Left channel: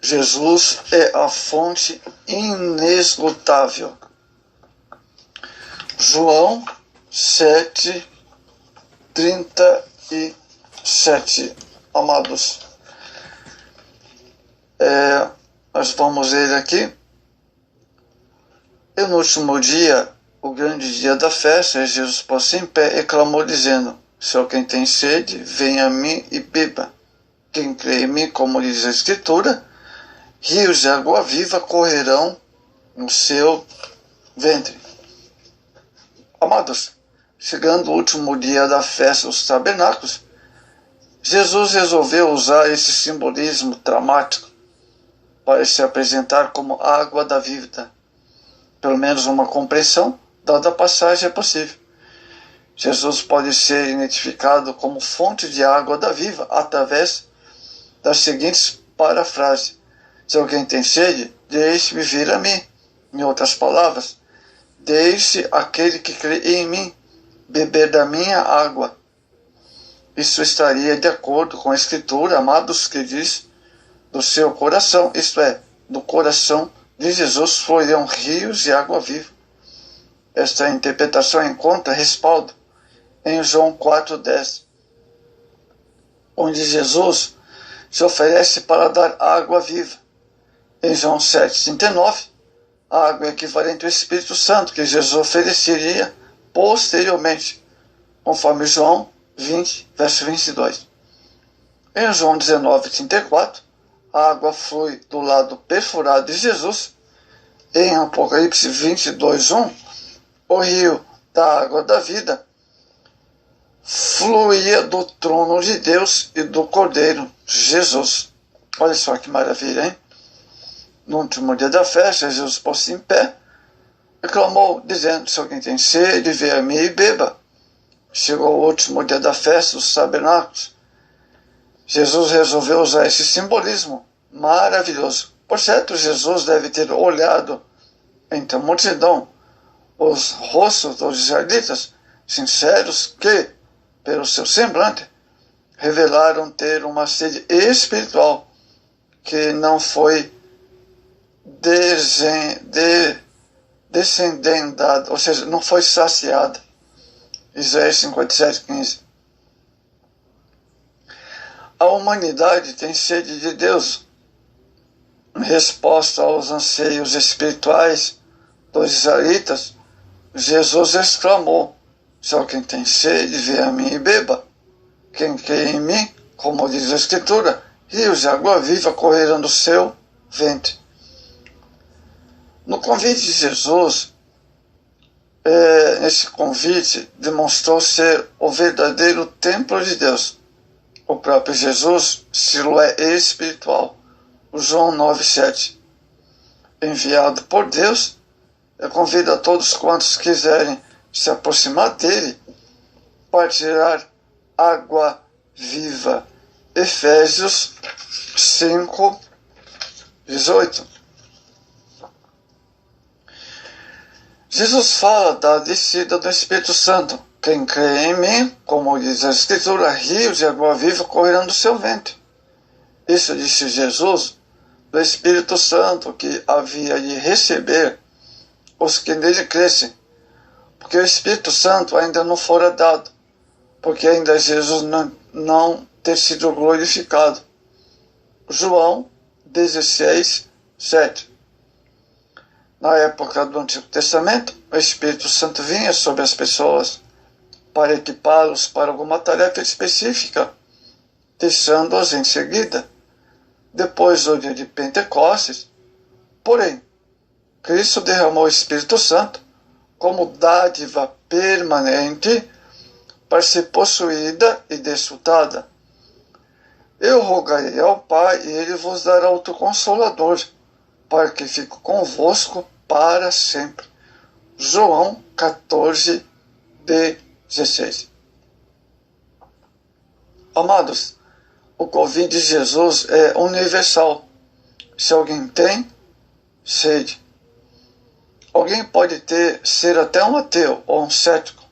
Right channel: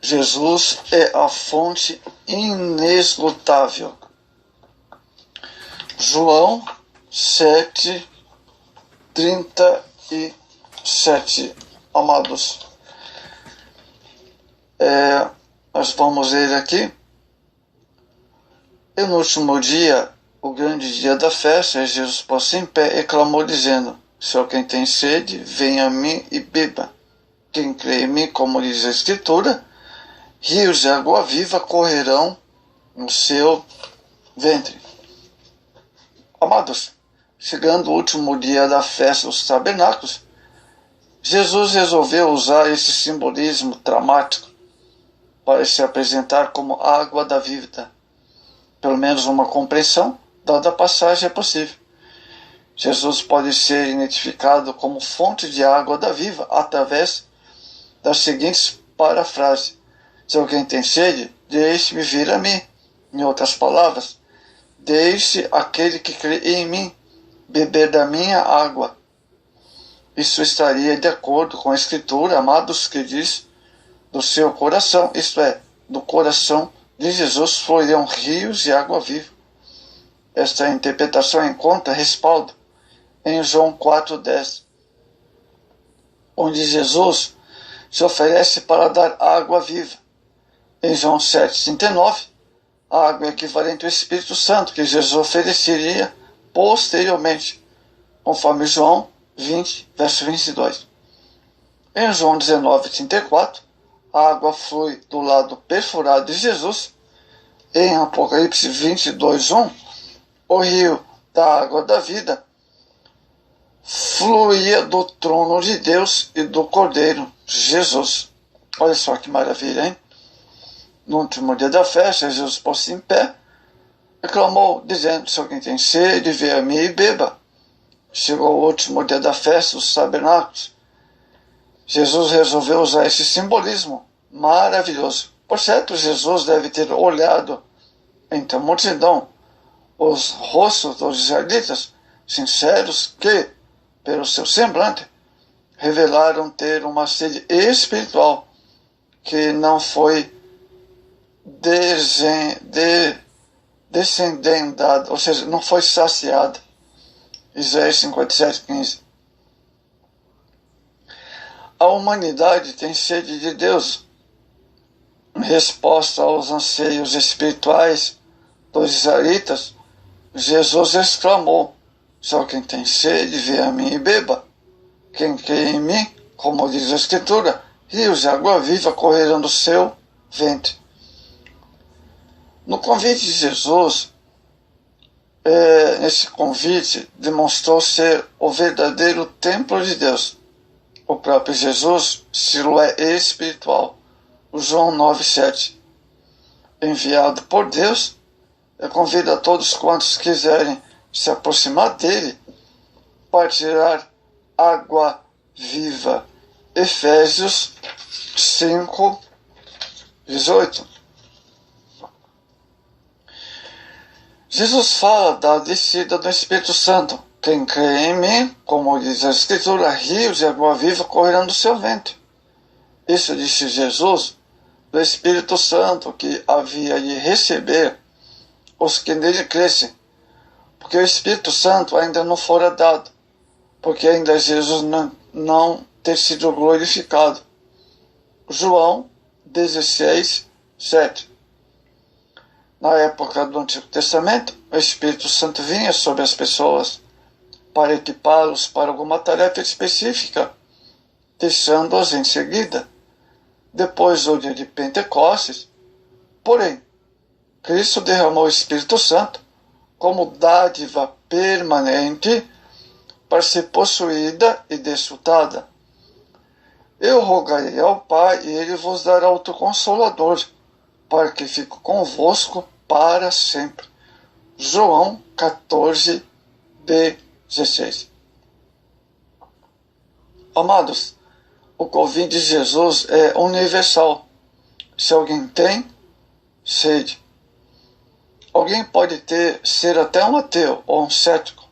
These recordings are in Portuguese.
Jesus é a fonte inesgotável. João 7:37. Amados, nós vamos ler aqui. E no último dia, o grande dia da festa, Jesus pôs-se em pé e clamou, dizendo: se alguém tem sede, venha a mim e beba. Quem crê em mim, como diz a Escritura, rios de água viva correrão no seu ventre. Amados, chegando o último dia da festa dos tabernáculos, Jesus resolveu usar esse simbolismo dramático para se apresentar como a água da vida. Pelo menos uma compreensão dada a passagem é possível. Jesus pode ser identificado como fonte de água da vida através das seguintes parafrases: se alguém tem sede, deixe-me vir a mim. Em outras palavras, deixe aquele que crê em mim beber da minha água. Isso estaria de acordo com a Escritura, amados, que diz: do seu coração, isto é, do coração de Jesus, fluirão rios de água viva. Esta interpretação encontra respaldo em João 4:10, onde Jesus se oferece para dar água viva. Em João 7:39, a água é equivalente ao Espírito Santo que Jesus ofereceria posteriormente, conforme João 20, verso 22. Em João 19:34, a água flui do lado perfurado de Jesus. Em Apocalipse 22:1, o rio da água da vida fluía do trono de Deus e do Cordeiro Jesus. Olha só que maravilha, hein? No último dia da festa, Jesus pôs-se em pé e clamou, dizendo: se alguém tem sede, venha a mim e beba. Chegou o último dia da festa dos tabernáculos. Jesus resolveu usar esse simbolismo maravilhoso. Por certo, Jesus deve ter olhado entre a multidão os rostos dos israelitas sinceros que, pelo seu semblante, revelaram ter uma sede espiritual que não foi descendendada, ou seja, não foi saciada. Isaías 57:15. A humanidade tem sede de Deus. Em resposta aos anseios espirituais dos israelitas, Jesus exclamou: se alguém tem sede, venha a mim e beba. Quem crê em mim, como diz a Escritura, rios de água viva correrão do seu ventre. No convite de Jesus, esse convite demonstrou ser o verdadeiro templo de Deus. O próprio Jesus, Siloé espiritual, João 9:7, enviado por Deus, convida a todos quantos quiserem se aproximar dele para tirar água viva. Efésios 5:18. Jesus fala da descida do Espírito Santo. Quem crê em mim, como diz a Escritura, rios de água viva correrão do seu ventre. Isso disse Jesus do Espírito Santo que havia de receber os que nele crescem, porque o Espírito Santo ainda não fora dado, porque ainda Jesus não ter sido glorificado. João 16:7. Na época do Antigo Testamento, o Espírito Santo vinha sobre as pessoas para equipá-los para alguma tarefa específica, deixando-os em seguida. Depois do dia de Pentecostes, porém, Cristo derramou o Espírito Santo como dádiva permanente para ser possuída e desfrutada. Eu rogarei ao Pai e Ele vos dará outro Consolador, para que fique convosco para sempre. João 14:16. Amados, o convite de Jesus é universal. Se alguém tem sede, alguém pode ser até um ateu, ou um cético,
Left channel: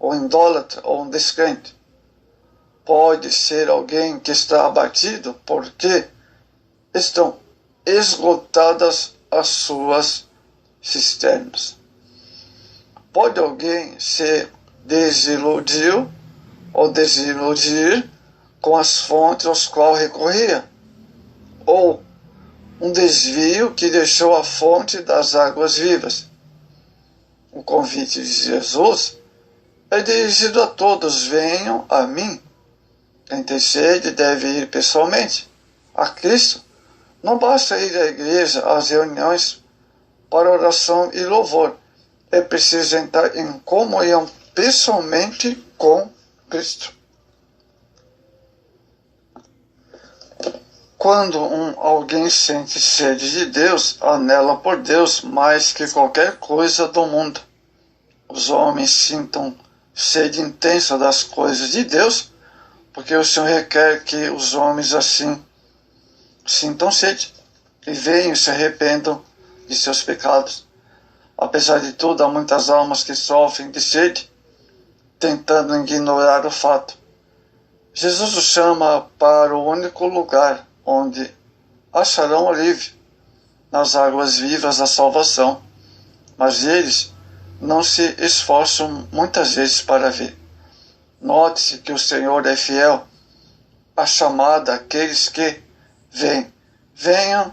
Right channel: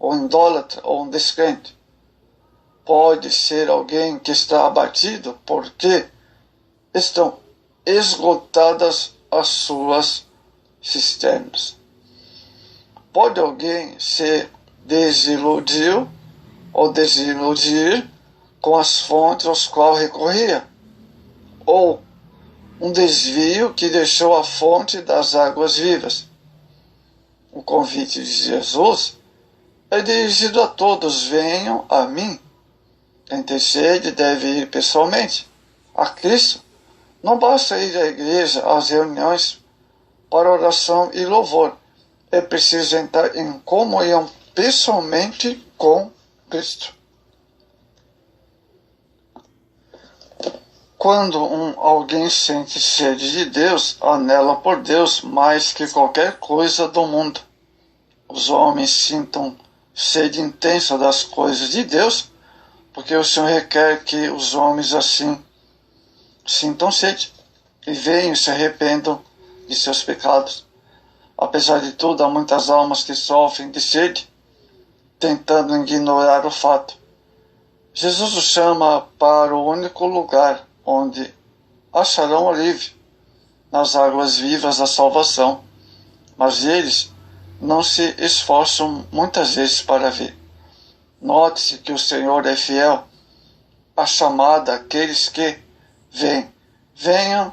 ou um idólatra, ou um descrente. Pode ser alguém que está abatido porque estão esgotadas as suas cisternas. Pode alguém se desiludir ou desiludir com as fontes às quais recorria? Ou um desvio que deixou a fonte das águas vivas? O convite de Jesus é dirigido a todos: venham a mim. Quem tem sede deve ir pessoalmente a Cristo. Não basta ir à igreja, às reuniões para oração e louvor. É preciso entrar em comunhão pessoalmente com Cristo. Quando alguém sente sede de Deus, anela por Deus mais que qualquer coisa do mundo. Os homens sintam sede intensa das coisas de Deus, porque o Senhor requer que os homens assim sintam sede e venham e se arrependam de seus pecados. Apesar de tudo, há muitas almas que sofrem de sede, tentando ignorar o fato. Jesus os chama para o único lugar onde acharão alívio, nas águas vivas da salvação, mas eles não se esforçam muitas vezes para ver. Note-se que o Senhor é fiel à chamada àqueles que vêm. Venham,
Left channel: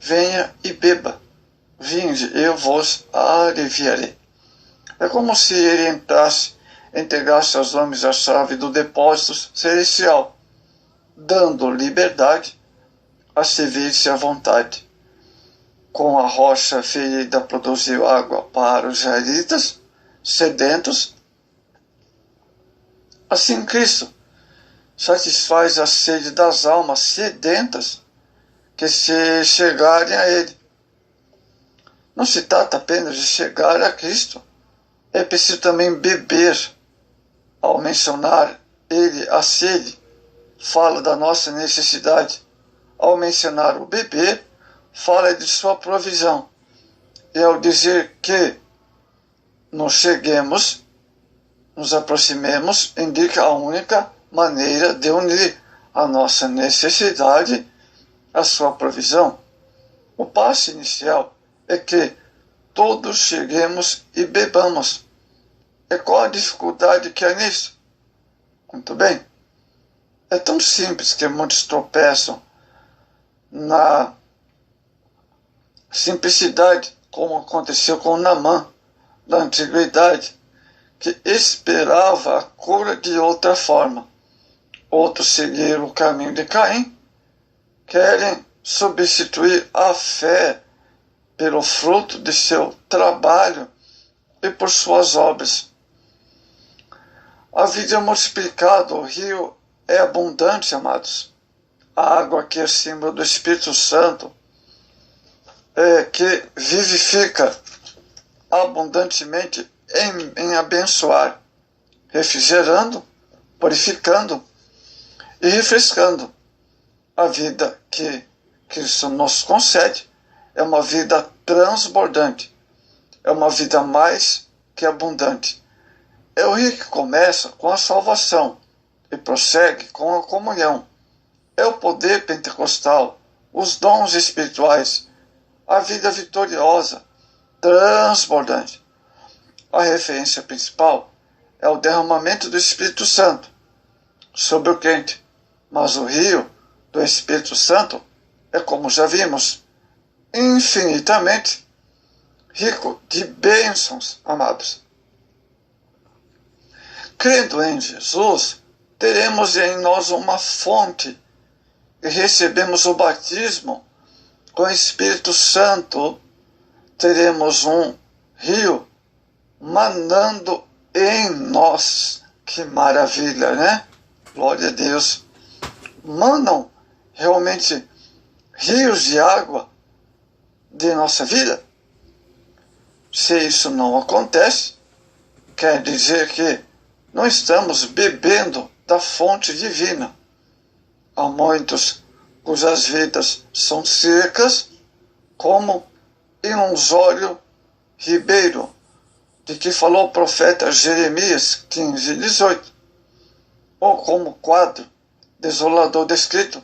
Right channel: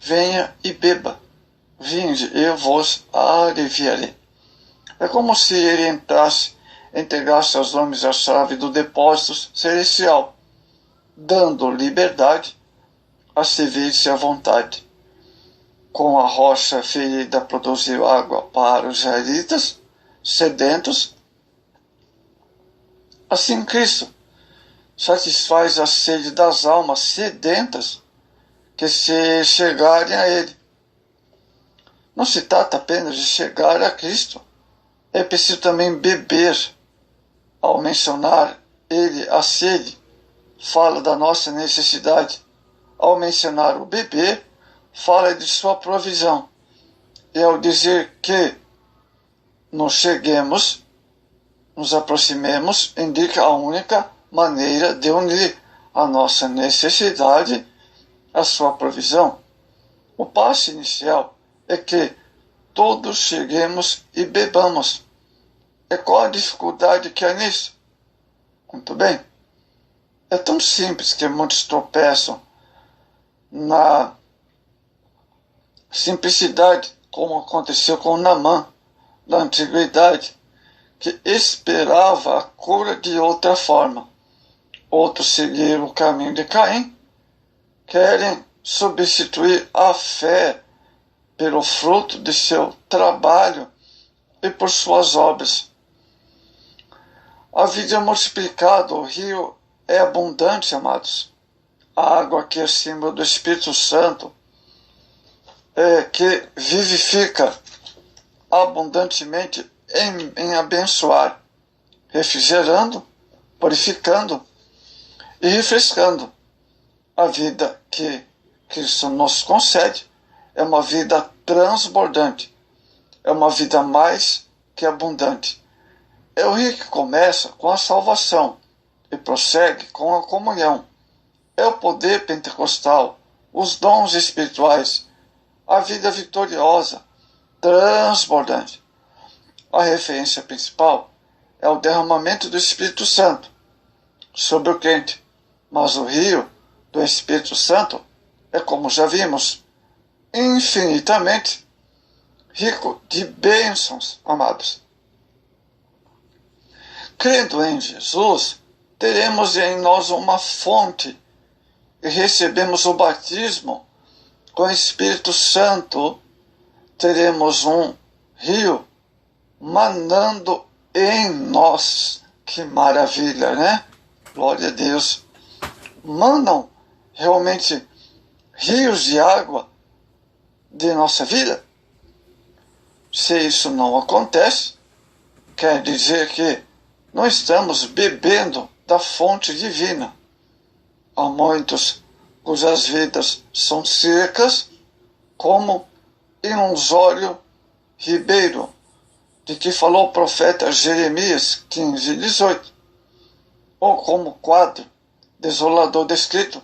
venha e beba. Vinde, eu vos aliviarei. É como se ele entregasse aos homens a chave do depósito celestial, dando liberdade a servir-se à vontade. Com a rocha ferida produziu água para os israelitas sedentos. Assim Cristo satisfaz a sede das almas sedentas que se chegarem a Ele. Não se trata apenas de chegar a Cristo. É preciso também beber. Ao mencionar Ele a sede, fala da nossa necessidade. Ao mencionar o beber, fala de sua provisão. E ao dizer que nos aproximemos, indica a única maneira de unir a nossa necessidade à sua provisão. O passo inicial é que todos cheguemos e bebamos. E qual a dificuldade que há nisso? Muito bem. É tão simples que muitos tropeçam na simplicidade, como aconteceu com Naamã, da antiguidade, que esperava a cura de outra forma. Outros seguiram o caminho de Caim, querem substituir a fé pelo fruto de seu trabalho e por suas obras. A vida é multiplicada, o rio é abundante, amados. A água que é símbolo do Espírito Santo, que vivifica abundantemente em abençoar, refrigerando, purificando e refrescando. A vida que Cristo nos concede é uma vida transbordante, é uma vida mais que abundante. É o rio que começa com a salvação e prossegue com a comunhão. É o poder pentecostal, os dons espirituais, a vida vitoriosa, transbordante. A referência principal é o derramamento do Espírito Santo sobre o crente, mas o rio do Espírito Santo é, como já vimos, infinitamente rico de bênçãos, amados. Crendo em Jesus, teremos em nós uma fonte e recebemos o batismo com o Espírito Santo, teremos um rio manando em nós. Que maravilha, né? Glória a Deus. Manam realmente rios de água de nossa vida? Se isso não acontece, quer dizer que não estamos bebendo da fonte divina. Há muitos cujas vidas são secas, como Inunzório Ribeiro, de que falou o profeta Jeremias 15:18, ou como quadro desolador descrito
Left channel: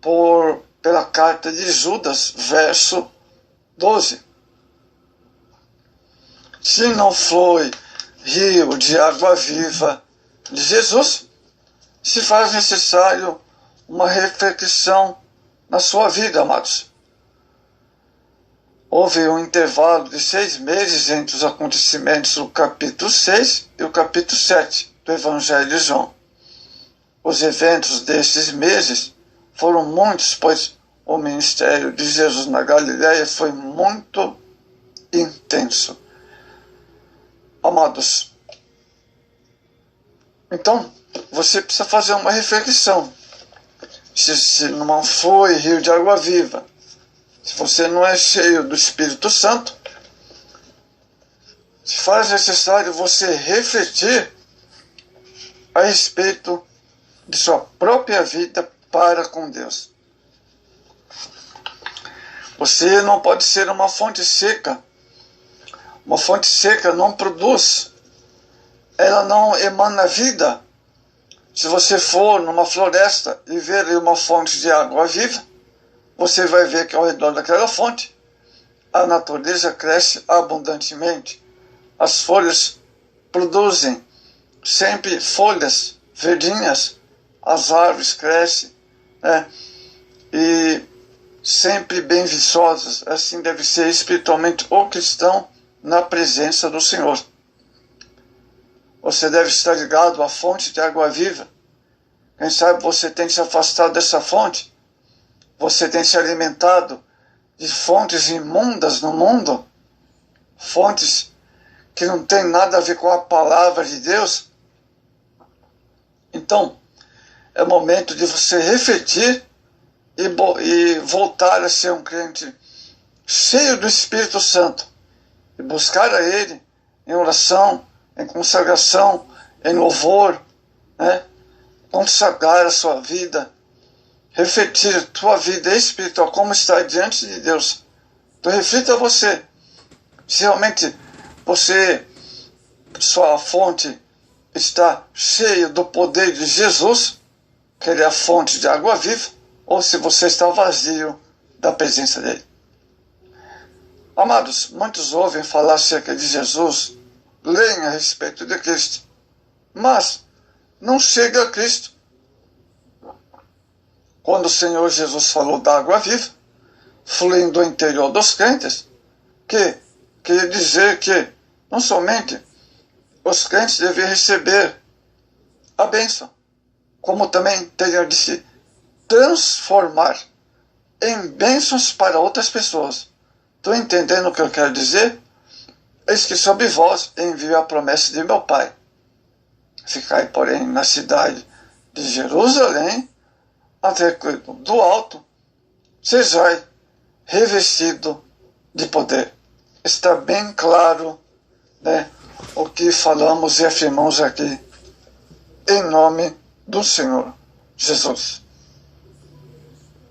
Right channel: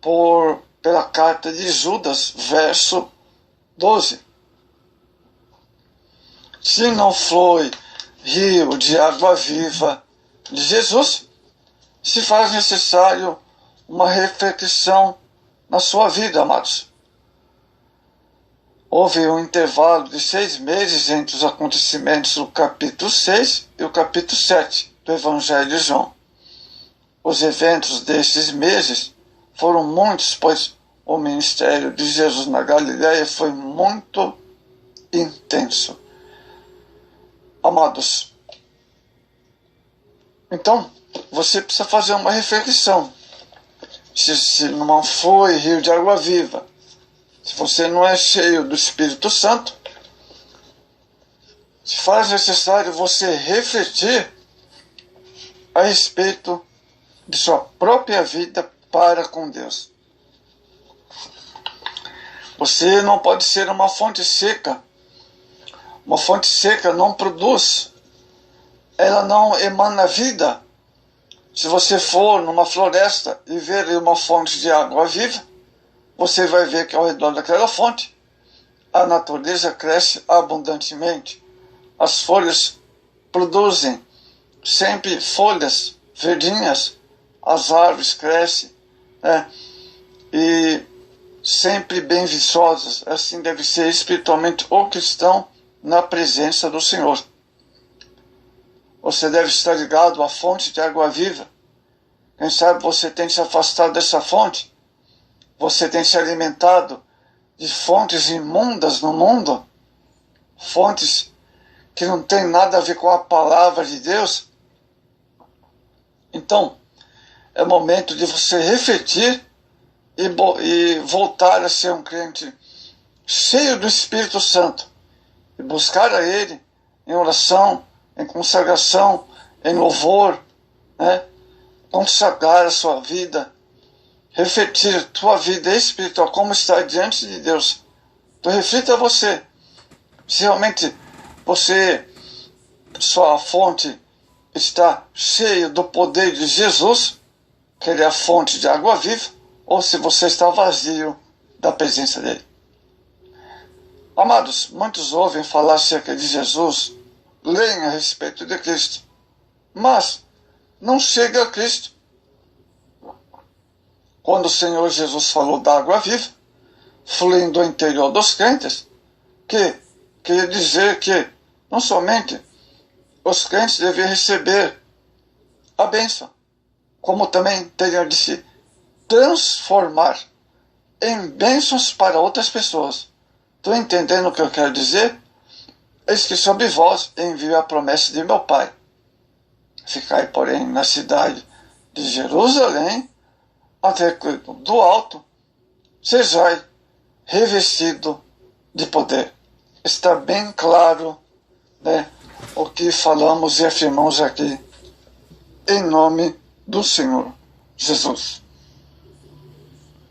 por pela carta de Judas, verso 12. Se não flui rio de água viva de Jesus, se faz necessário uma reflexão na sua vida, amados. Houve um intervalo de 6 meses entre os acontecimentos do capítulo 6 e o capítulo 7 do Evangelho de João. Os eventos desses meses foram muitos, pois o ministério de Jesus na Galileia foi muito intenso. Amados, então você precisa fazer uma reflexão. Se não foi rio de água viva, se você não é cheio do Espírito Santo, se faz necessário você refletir a respeito de sua própria vida para com Deus. Você não pode ser uma fonte seca. Uma fonte seca não produz, ela não emana vida. Se você for numa floresta e ver uma fonte de água viva, você vai ver que ao redor daquela fonte a natureza cresce abundantemente. As folhas produzem sempre folhas verdinhas, as árvores crescem, né? E sempre bem viçosas. Assim deve ser espiritualmente o cristão na presença do Senhor. Você deve estar ligado à fonte de água viva. Quem sabe você tem se afastado dessa fonte. Você tem se alimentado de fontes imundas no mundo, fontes que não têm nada a ver com a palavra de Deus. Então, é momento de você refletir e voltar a ser um crente cheio do Espírito Santo e buscar a Ele em oração, em consagração, em louvor, né? Consagrar a sua vida, refletir a tua vida espiritual, como está diante de Deus. Então reflita você, se realmente sua fonte está cheia do poder de Jesus, que Ele é a fonte de água viva, ou se você está vazio da presença dEle. Amados, muitos ouvem falar acerca de Jesus, leem a respeito de Cristo, mas não chega a Cristo. Quando o Senhor Jesus falou da água viva, fluindo do interior dos crentes, queria dizer que não somente os crentes devem receber a bênção, como também teriam de se transformar em bênçãos para outras pessoas. Estão entendendo o que eu quero dizer? Eis que sobre vós envio a promessa de meu Pai. Ficai, porém, na cidade de Jerusalém, até que do alto sejai revestido de poder. Está bem claro, né, o que falamos e afirmamos aqui, em nome do Senhor Jesus.